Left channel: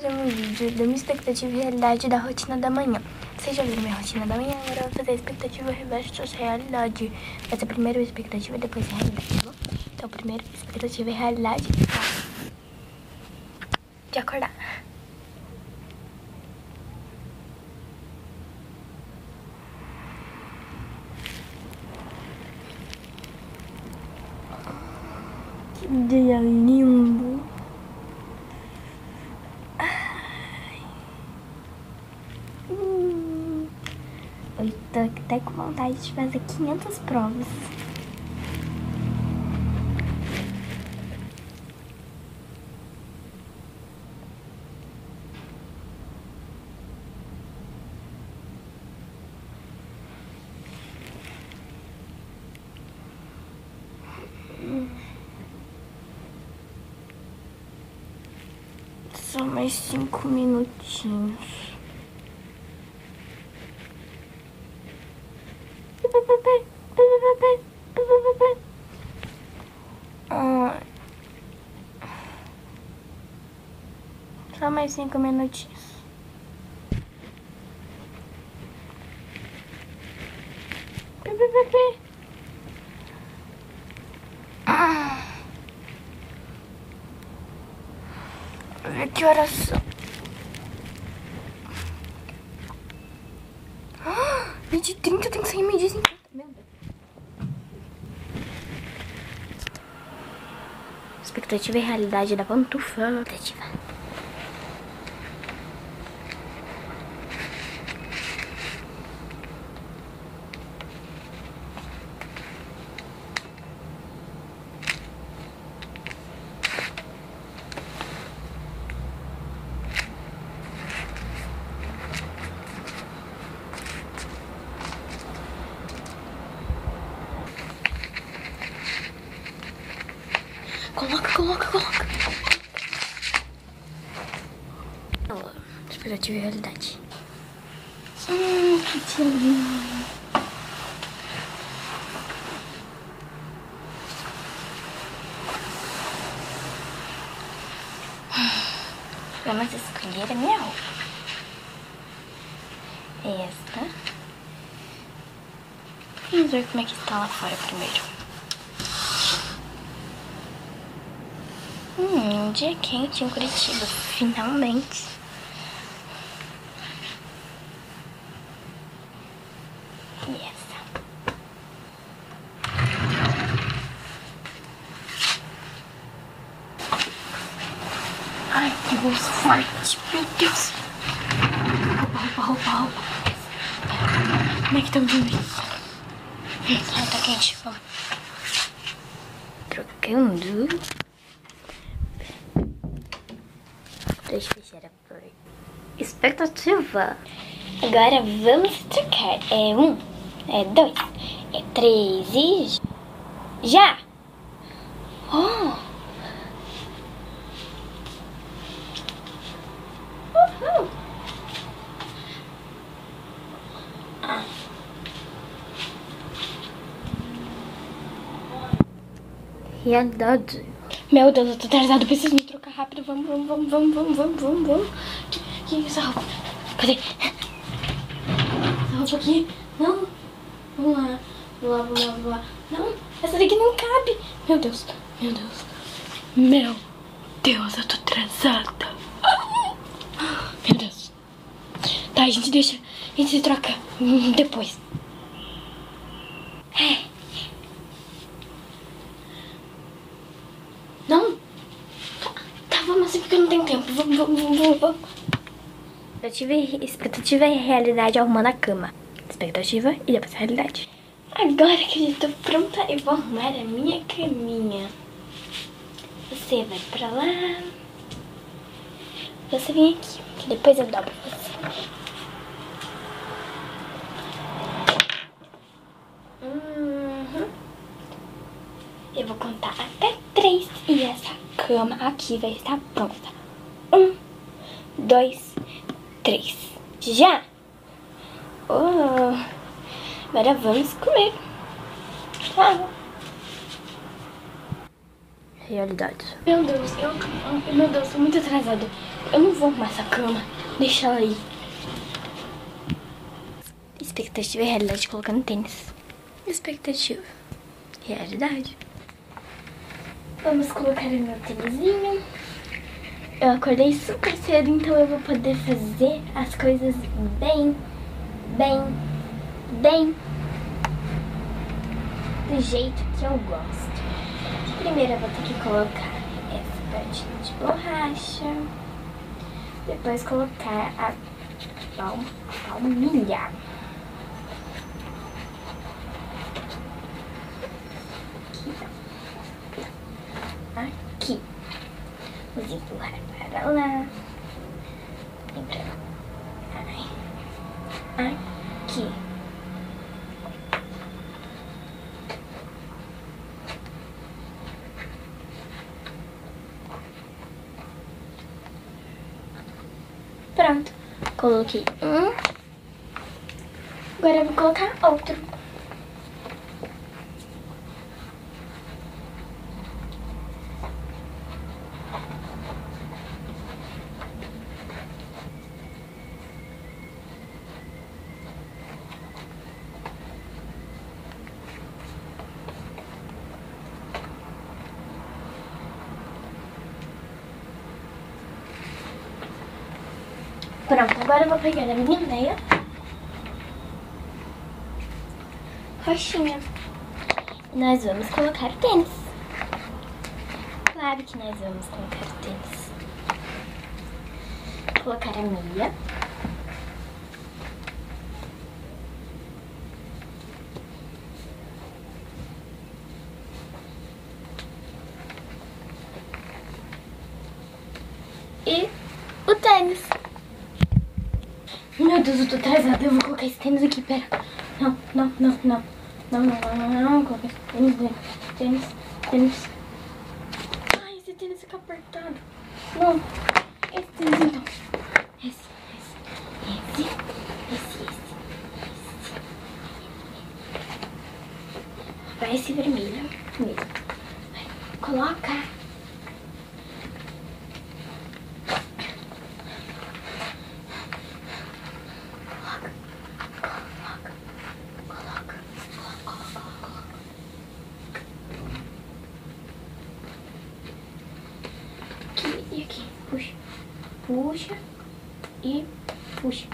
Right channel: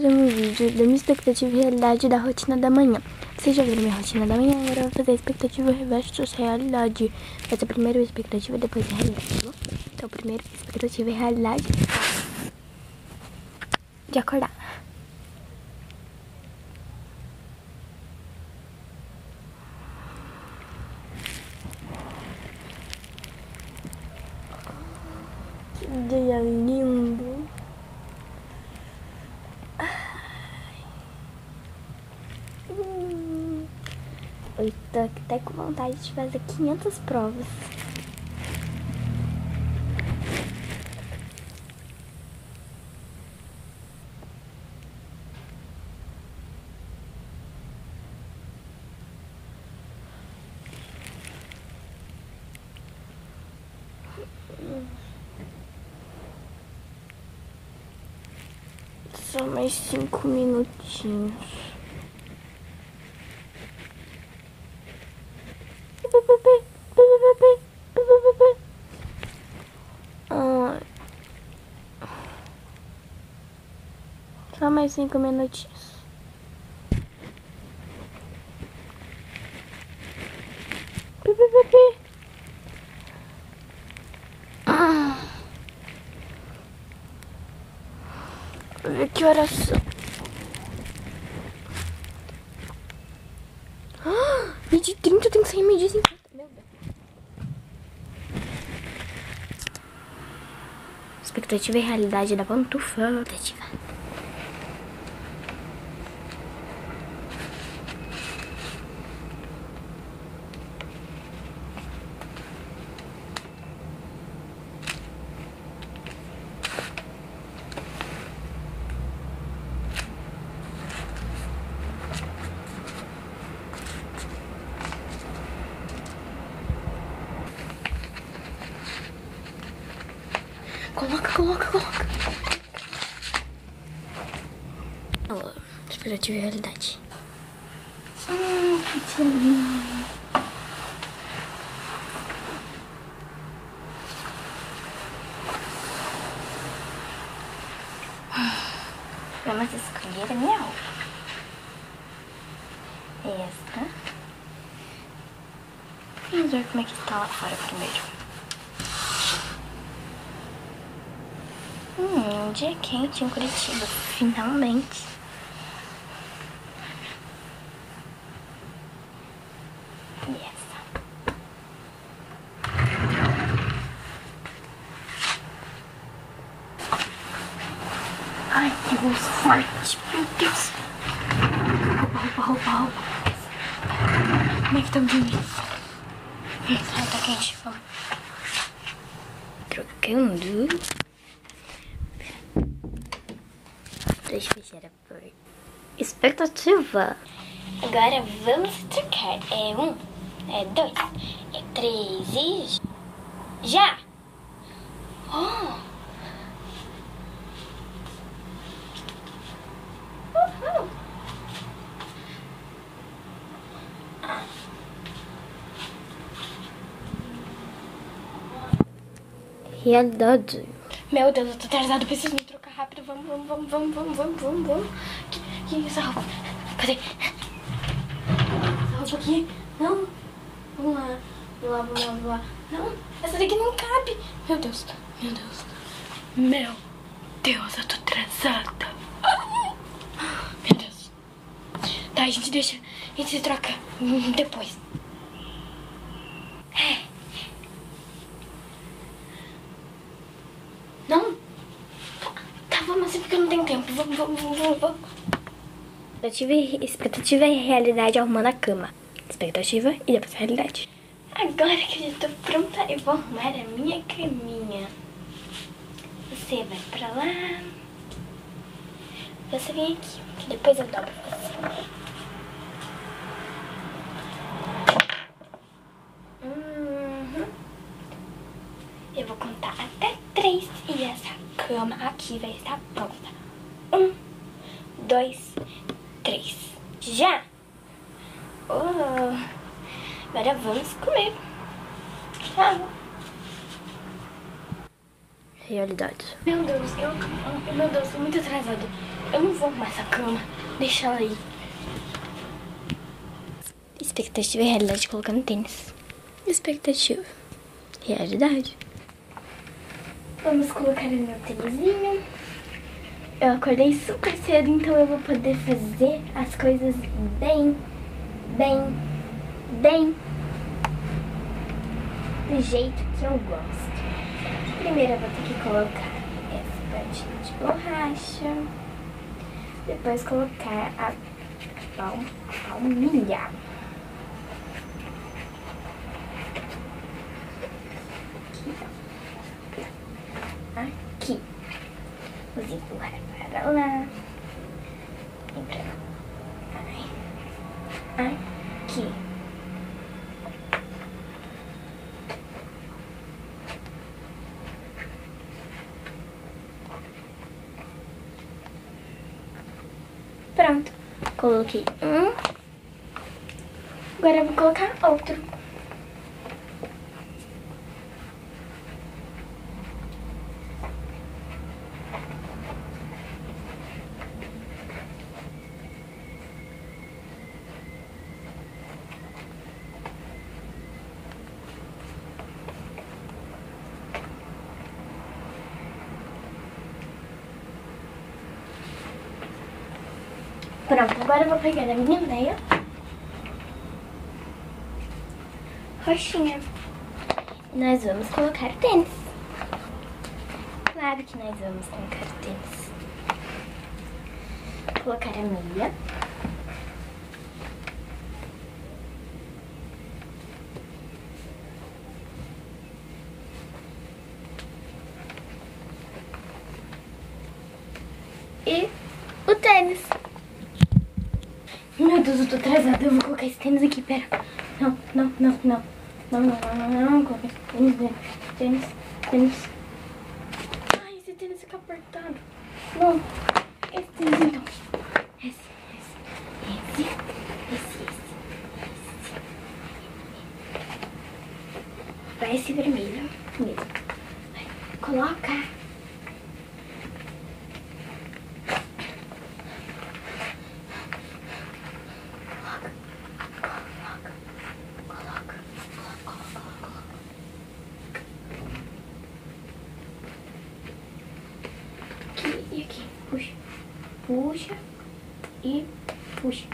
fazer um vídeo da minha expectativa e realidade da rotina da manhã. Vocês já viram minha rotina da manhã, agora eu vou fazer a expectativa versus realidade. Mas a primeira expectativa, depois a realidade, tá bom? Então, primeiro, expectativa e realidade de acordar. Que dia lindo! Eu tô até com vontade de fazer 500 provas. Só mais 5 minutinhos. Só mais 5 minutinhos. Que horas são? 20h30, eu tenho que sair meio-dia e 50. Meu Deus. Expectativa e realidade da pantufa. Expectativa. Coloca. Expectativa e realidade. Que lindo. Vamos escolher a minha roupa. Esta. Vamos ver como é que está lá fora primeiro. Um dia quente em Curitiba, finalmente. E essa. Ai, que voz forte, meu Deus. Roupa. Como é que tá dormindo? Ai, tá quente, vamos. Trocando. Deixa eu fechar a porta. Expectativa. Agora vamos trocar. É 1, é 2, é 3 e... já! Oh! Uhul! Realidade. Meu Deus, eu tô atrasado, preciso me trocar rápido. Vamos. Que é essa roupa? Cadê? Essa roupa aqui? Não. Vamos lá. Não, essa daqui não cabe. Meu Deus, eu tô atrasada. Meu Deus. Tá, a gente se troca depois. Não? Tá, vamos assim porque não tem tempo. Vamos. Expectativa e realidade arrumando a cama. Expectativa e depois a realidade. Agora que eu já tô pronta, eu vou arrumar a minha caminha. Você vai pra lá. Você vem aqui, que depois eu dobro você. Eu vou contar até 3 e essa cama aqui vai estar pronta. 1, 2, 3. Já! Oh, agora vamos comer. Tchau. Realidade. Meu Deus, tô muito atrasado. Eu não vou arrumar essa cama. Deixa ela aí. Expectativa e realidade colocando tênis. Expectativa. Realidade. Vamos colocar o meu tênisinho. Eu acordei super cedo, então eu vou poder fazer as coisas bem do jeito que eu gosto. Primeiro eu vou ter que colocar essa partinha de borracha. Depois colocar a palmilha. Aqui. Vamos empurrar para lá. E pra lá. Aqui. Pronto. Coloquei um. Agora eu vou colocar outro. Pronto, agora eu vou pegar a minha meia roxinha e nós vamos colocar o tênis. Claro que nós vamos colocar o tênis. Colocar a meia. E o tênis. Meu Deus, eu tô atrasada. Eu vou colocar esse tênis aqui, pera. Não. Não. Coloca esse tênis. Ai, esse tênis fica apertado. Não. Esse tênis, então. Esse. Vai esse vermelho mesmo. Coloca. E aqui, puxa e puxa.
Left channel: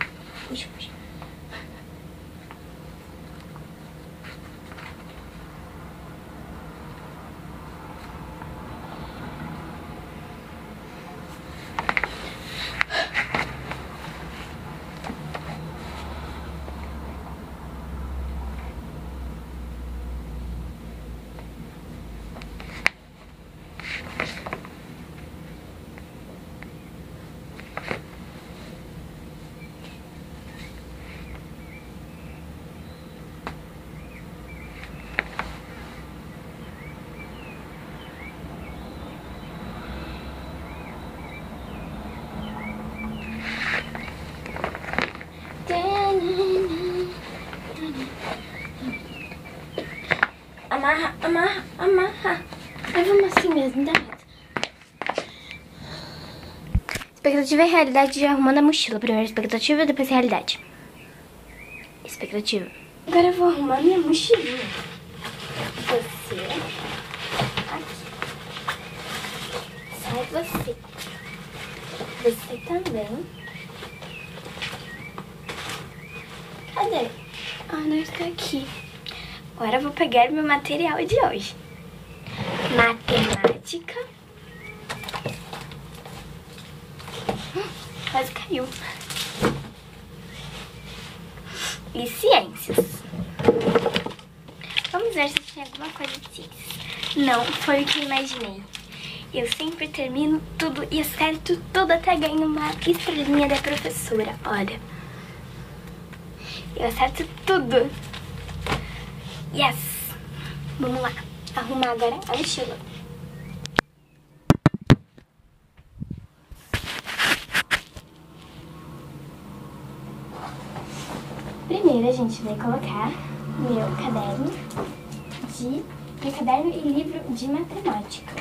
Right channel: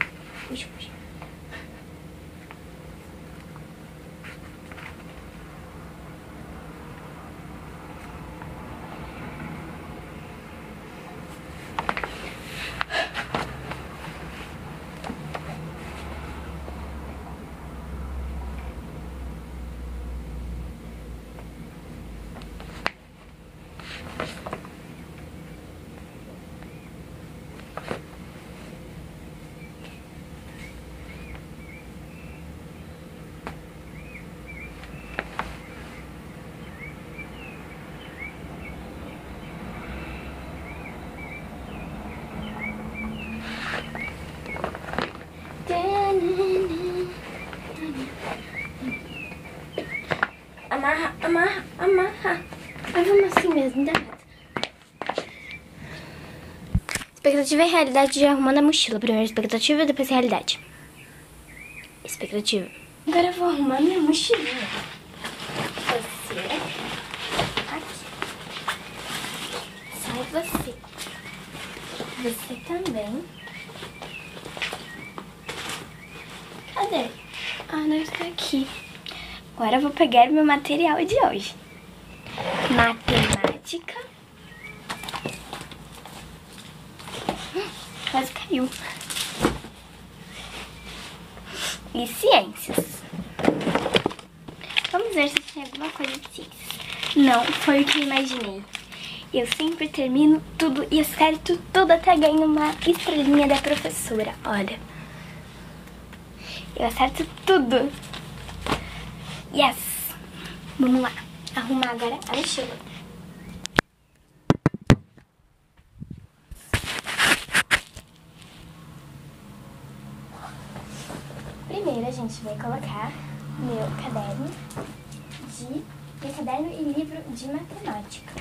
Amarra. Ai, vamos assim mesmo, dá reto. Expectativa e realidade de arrumando a mochila. Primeiro expectativa, depois realidade. Expectativa. Agora eu vou arrumar minha mochilinha. Você. Aqui. Sai você. Você também. Cadê? Ah, não está aqui. Agora eu vou pegar meu material de hoje. Matemática. Quase caiu. E ciências. Vamos ver se tem alguma coisa de ciências. Não, foi o que eu imaginei. Eu sempre termino tudo e acerto tudo até ganho uma estrelinha da professora. Olha. Eu acerto tudo. Yes! Vamos lá. Arrumar agora a mochila. Primeiro a gente vai colocar meu caderno e livro de matemática.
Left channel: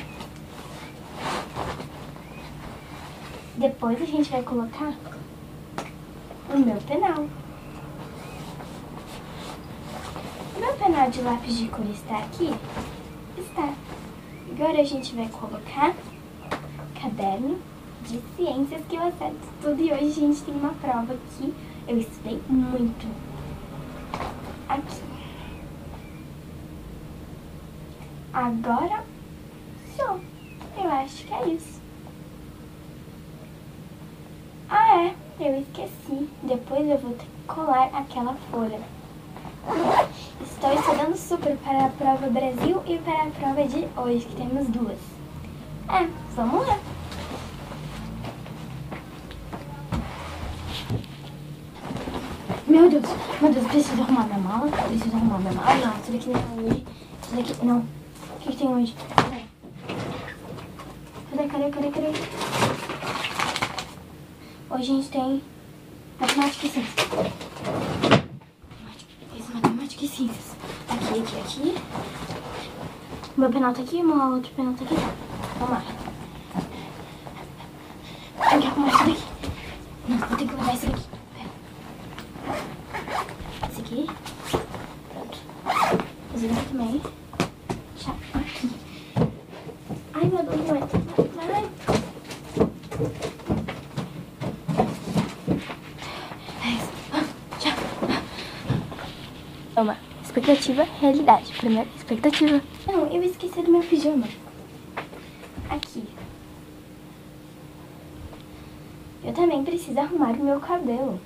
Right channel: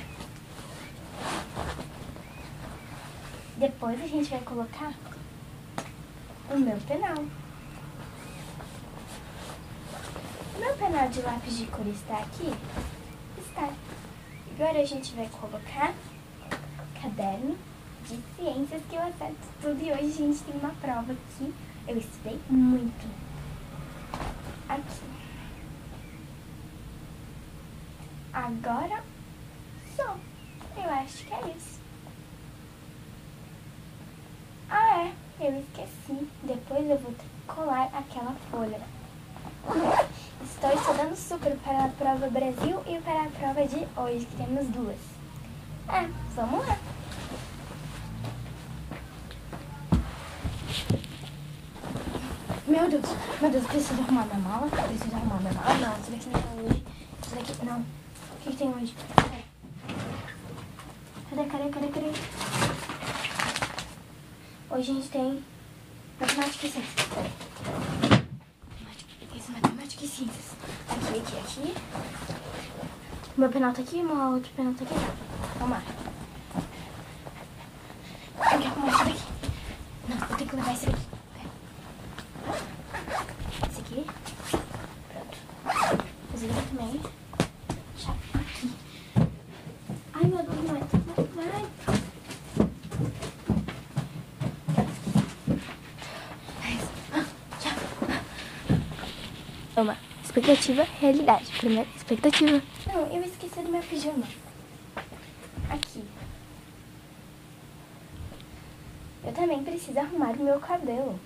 Depois a gente vai colocar o meu penal. O meu penal de lápis de cor está aqui? Está. Agora a gente vai colocar caderno de ciências que eu acerto tudo. E hoje a gente tem uma prova que eu estudei muito. Aqui. Agora, só. Eu acho que é isso. Ah, é. Eu esqueci. Depois eu vou ter que colar aquela folha. Estou estudando super para a prova Brasil e para a prova de hoje, que temos duas. Vamos lá. Meu Deus, preciso arrumar minha mala. Não, isso daqui não é hoje. Isso daqui, não. O que tem hoje? Cadê? Hoje a gente tem matemática e ciências. Matemática e ciências. Aqui. Meu penal tá aqui, meu outro penal tá aqui. Vamos lá. Tem que arrumar isso daqui. Não, eu tenho que levar isso aqui. Esse aqui. Pronto. Esse aqui também. Já aqui. Ai, meu Deus, vai. Uma expectativa, realidade. Primeiro, expectativa. Não, eu esqueci do meu pijama. Aqui. Eu também preciso arrumar o meu cabelo.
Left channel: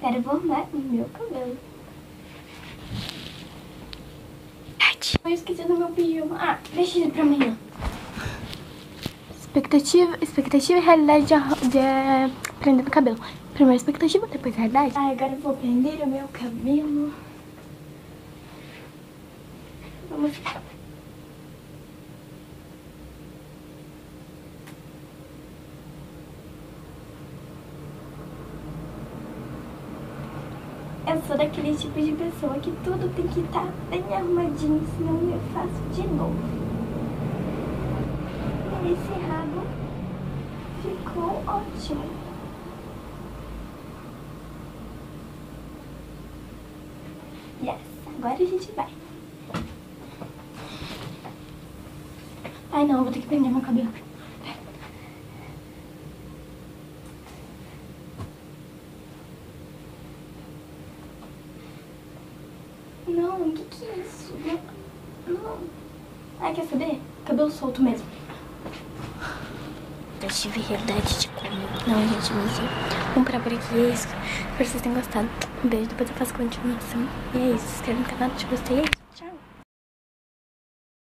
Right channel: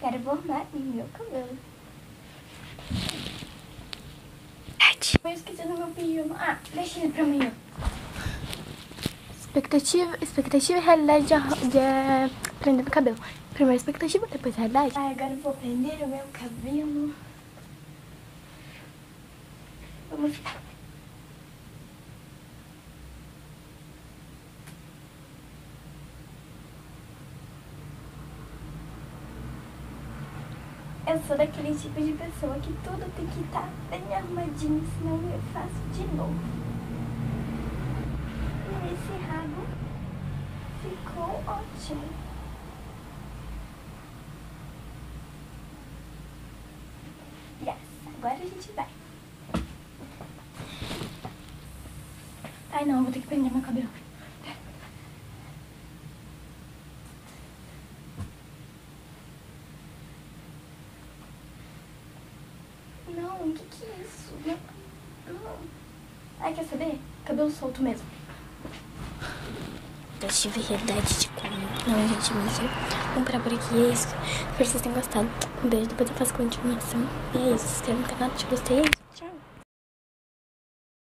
Quero arrumar o meu cabelo. Eu esqueci do meu pijama. Ah, deixa ele pra amanhã. Expectativa e realidade de prender no cabelo. Primeiro expectativa, depois realidade. Ah, agora eu vou prender o meu cabelo. Vamos. Eu sou daquele tipo de pessoa que tudo tem que estar bem arrumadinho, senão eu faço de novo. E esse rabo ficou ótimo. Yes, agora a gente vai. Ai não, eu vou ter que prender meu cabelo. Não, o que é isso? Não. Ai, quer saber? Cabelo solto mesmo. Eu tive realidade de como. Não, gente, mentira. Vamos parar por aqui. É isso. Espero que vocês tenham gostado. Um beijo, depois eu faço continuação. E é isso. Se inscreve no canal, se gostei. É isso.